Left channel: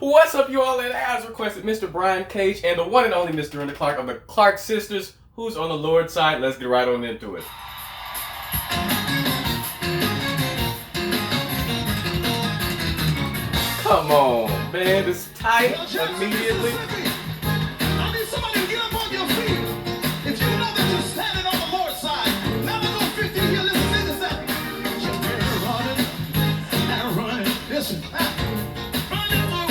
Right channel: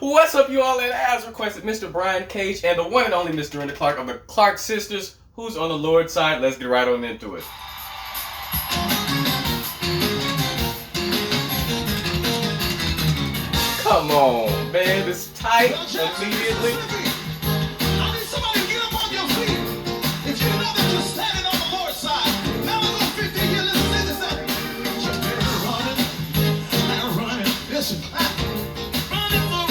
What's up, you all? And as requested, Mr. Bryan Cage and the one and only Miss Dorinda Clark of the Clark Sisters. Who's on the Lord's side? Let's get right on into it. Come on, man. It's tight immediately. I need somebody to get up on your feet. If you know that you're standing on the Lord's side, now we're going 50 here. Listen to this. You're running and running. Listen. Running for a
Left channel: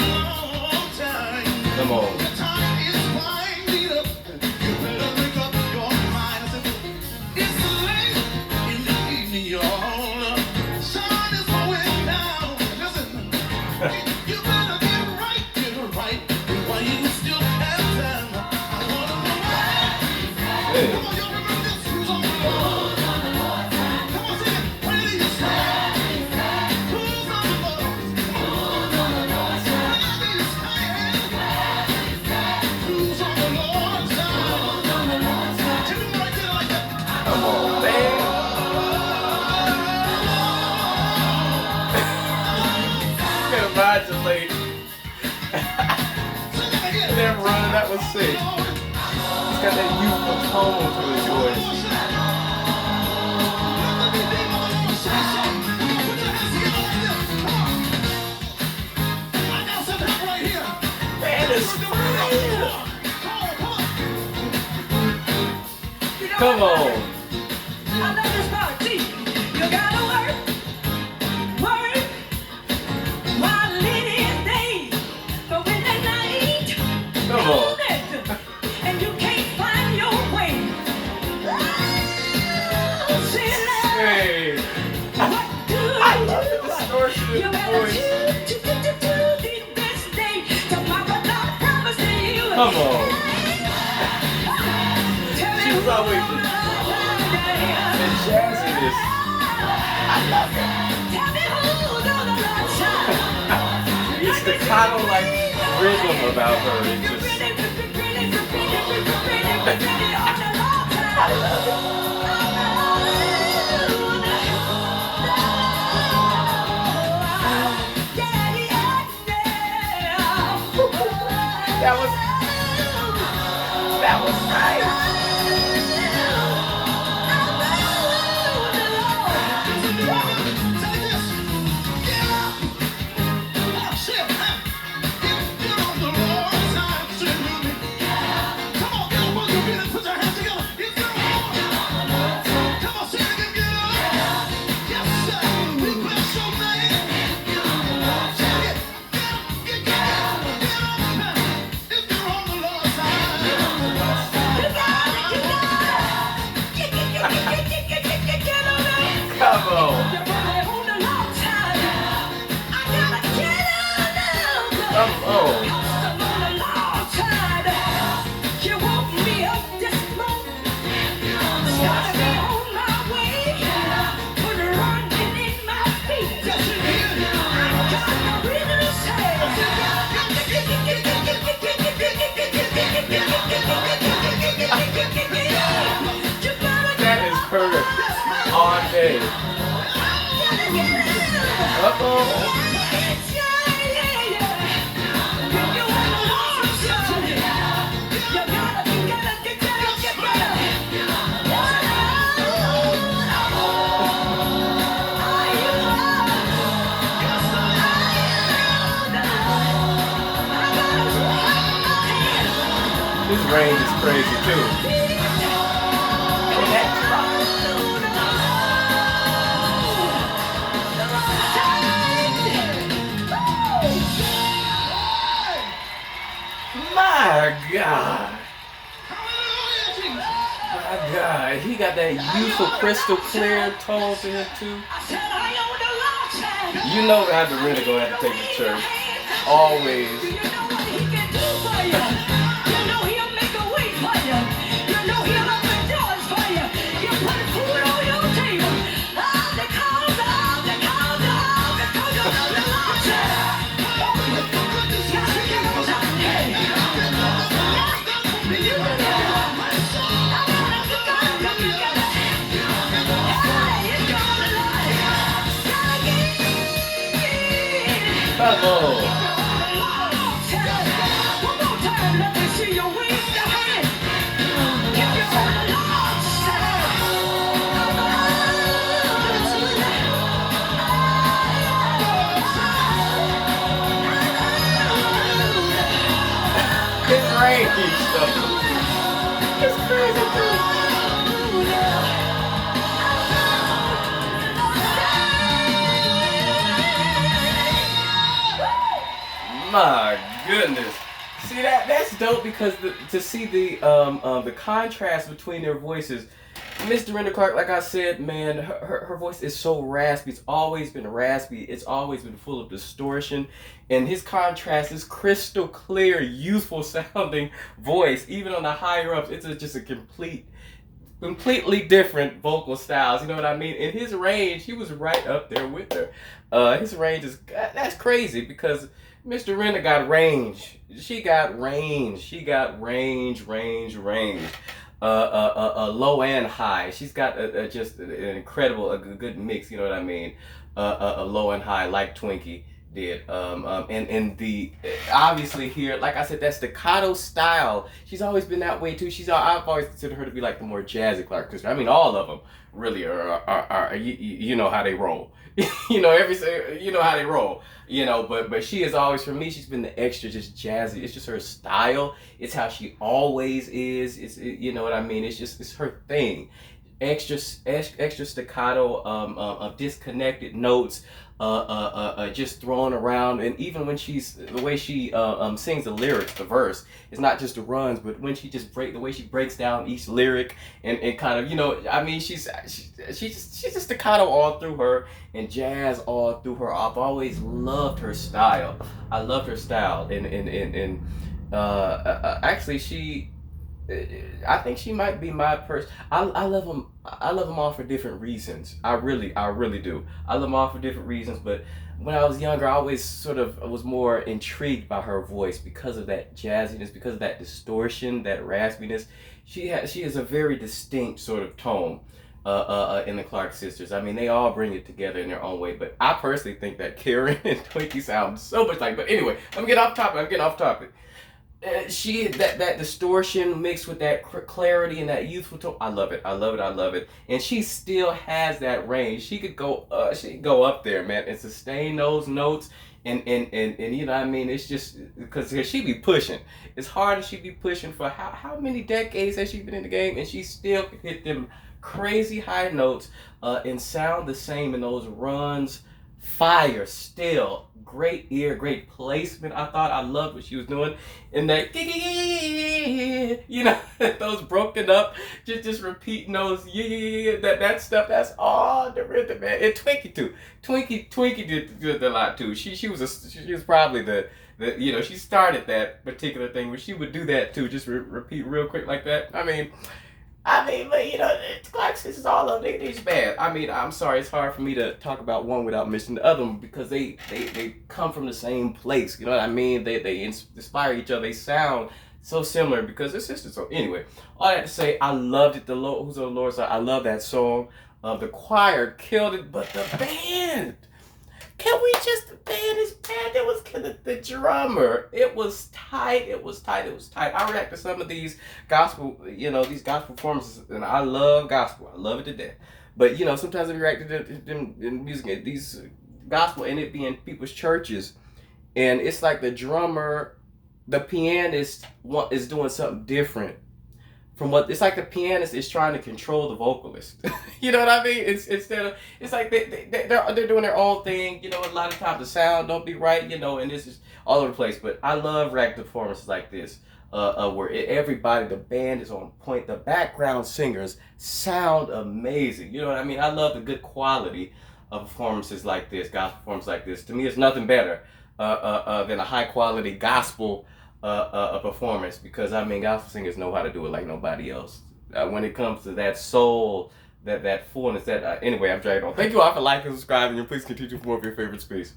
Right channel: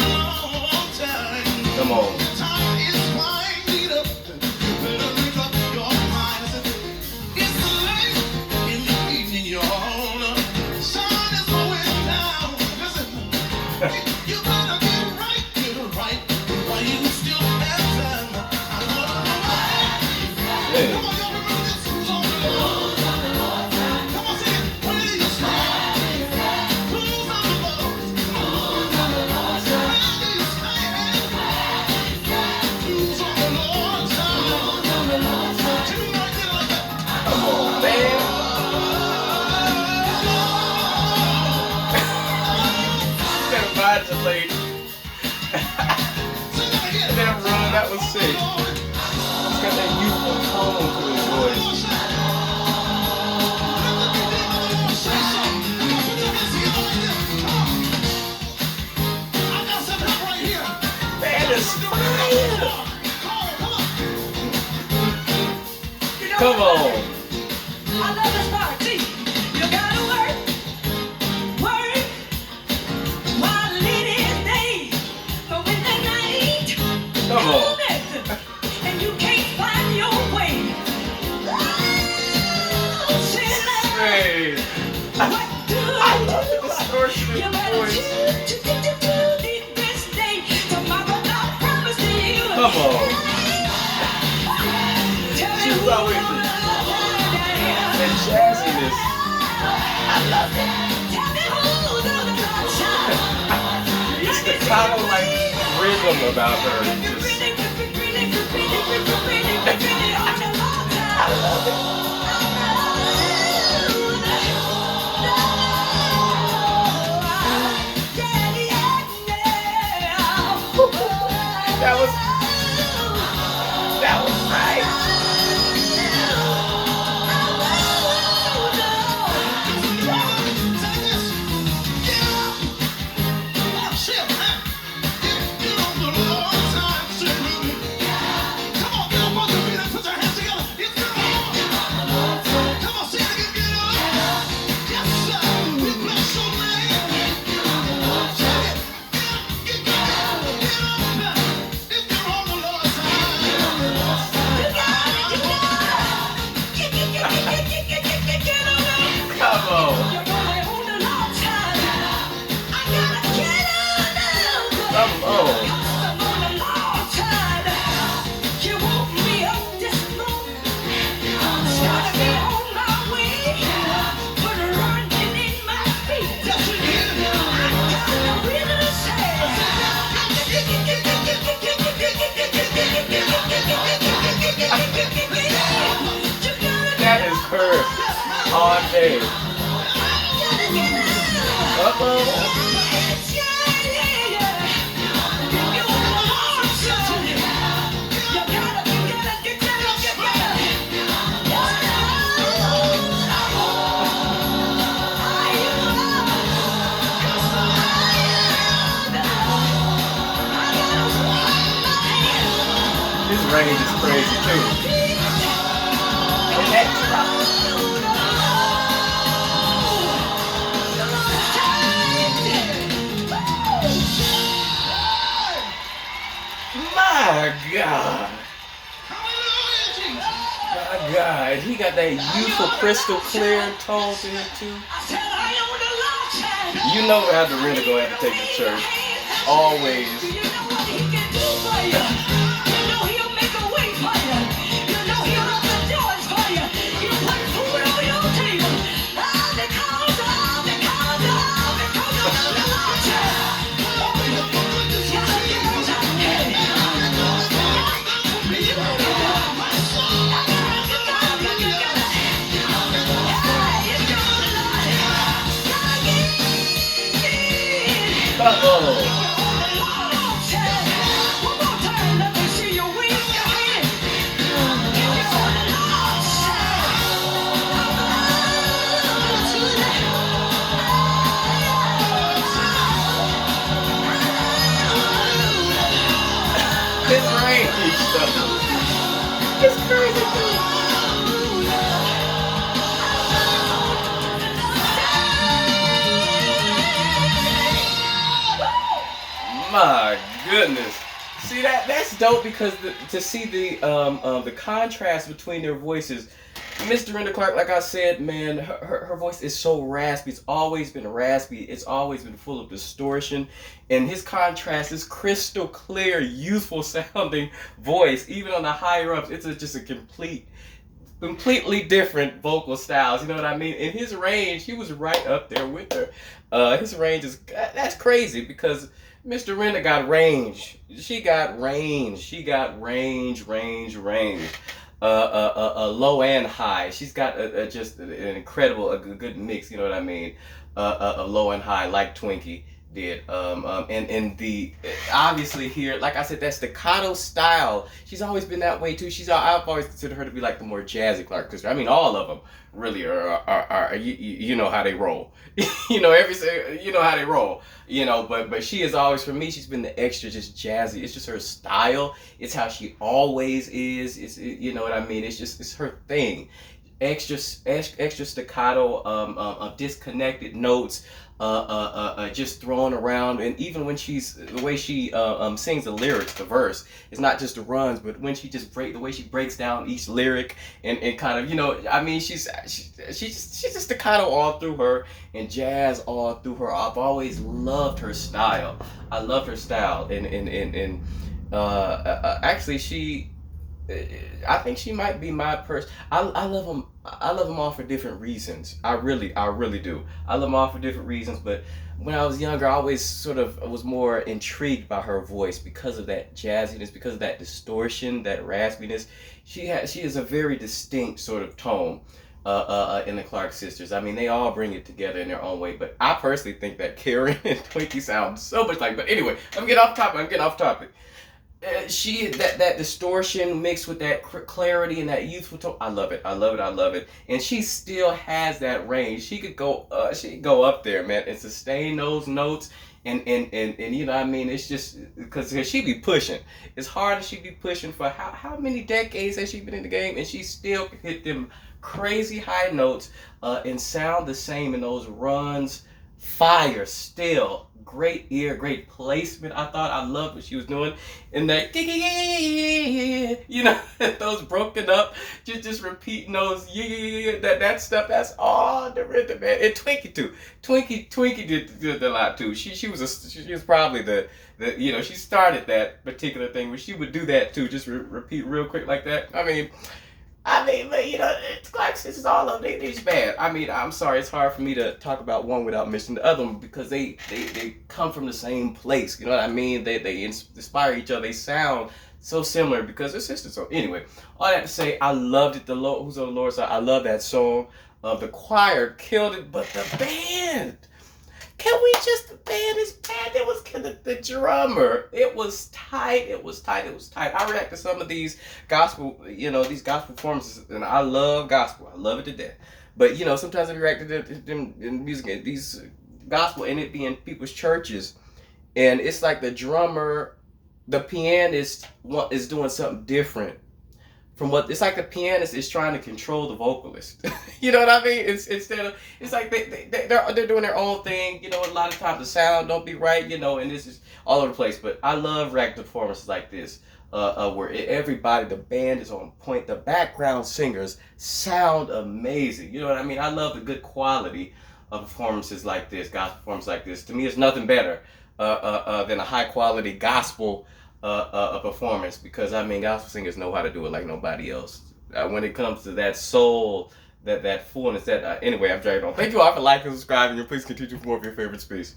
long time. Come on. The time is winding up. You better make up your mind. It's late in the evening, y'all. Sun is going down. Listen. You better get right. While you still have time. I wanna know why. Hey. Come on, y'all remember this? Who's on the Lord? Come on, sing it. Where do you stand? Who's on the Lord? Where do you stand? Who's on the Lord's side? Can you right there like that? Come on, man. Can modulate. Sing that again. That run, that was sick. He's got that youthful tone to his voice. Man, it's fire. Come on. I love this part. See, you gotta work while it is day. But when the night Come on. comes and you can't find your way, oh, sinner, Hey. what do I love the distortion you in the better voice. do this day. Tomorrow not promised to you. Come on. Tell me She was who's always on the Lord's and side. jazziness. I love it. Tell me who's on the Lord's side. It's the kind of like rhythm about her. It's just, I love it. That was nice. Come on. Come on. That is her all day. Uh-oh. This range is crazy too. And that drop. My God. My God. He got that youthful crystal clear tone to him too. You know how Dorinda gonna have to take to church. Always. Come on. range though. It's crazy too. My goodness. See that's dope because to see the contrast between their voices. Miss Dorinda Clark, like I said, man, her voice is so raspy. It's always been raspy. It's always been full of distortion. And his contrast, his crystal clear, youthful sounding voice, even on the higher ups, it's just a completely different vocal styles. You know what I mean? In his range, he was right up there with her. His range that's crazy because Miss Dorinda got range. She got range. She got range. Low and high. She's got just an incredible, a good mix. You know what I mean? A low and high, like Twinkie did. And the obviously here, like I said, that staccato style. She's always been that way too. I've always considered her to be like the more jazzy Clark sister. I mean, all of them really are you know how they roll. You know you know how they roll. You know, but she is always, for me, she's been the extra just jazzy. It's just her style. It's how she always is. You know what I mean? It's her thing. Extra staccato, disconnected notes, just thrown around. And even when the way she sings the lyrics, the verse, it's not just the runs, but when she just the way she breaks down each lyric and kind of, you know, I mean, she's just staccato all through her and jazz all through her. I've always loved her style. I loved her style, and actually I think she might be my person. I love them. I love them all for different reasons. I really do. I love them all for different reasons. But when I was younger, I always sort of was more intrigued by her voice because of that jazziness, because of that distortion, that raspiness. She is a very distinct sort of tone in the Clark sisters. I mean, they all bring it together in their own way. But I personally think that Karen and Twinkie sound so much like. But anyway, I'm getting off topic. That distortion mixed with that clarity and that youthful tone. I love it. And she still has that range. She could go up there, man, and sustain those notes. And you know what I mean? It's just because she be pushing. It's hard as she be pushing for how many decades has she been in the game, and she still can hit them crazy high notes and sound the same in those runs. Fire still. Great ear, great placement. I loved what she was doing in that, you know, those broken up, just repeating those, that stuff. That's all the rhythm, man. And Twinkie too. Twinkie did a lot too. She was probably the you know, she started that particular thing where she would do that too, just repeat real quick like that. I mean, but you know, Clark sisters, all of them, they's bad. I mean, I'm sorry, it's hard for me to talk about one without mentioning the other one because they come from the same place. You know what I mean? They inspire each other. They sound so similar because they're sisters. So anyway, all that to say, I loved it. Who's on the Lord's Side? I love that song. The choir killed it, but the band. Can we just, the band is bad. It was the drummer. It was tight. I react to some of these gospel, you know, these gospel performances, and I love gospel. I love it to death. But, you know, sometimes I react to them in music, these gospel, and it being people's churches, and it's like the drummer, the pianist is doing something different from what, it's like the pianist is trying to control the vocalist. You know what I mean? It's like they're doing their own thing. You know, a lot of times the sound don't be right. You know, and this is all over the place. But I love reacting performances like this, where everybody, the band is on point. The background singers sound amazing. You know what I mean? I love the good quality of performances like this, gospel performances like this. To me, it's nothing better than a high quality gospel a performance, because I mean, gospel singers know how to do it like nobody else. When it comes to that soul, that fullness, anyway, I'm dragging on. Thank you all for liking and subscribing, and please continue for more of your favorite space.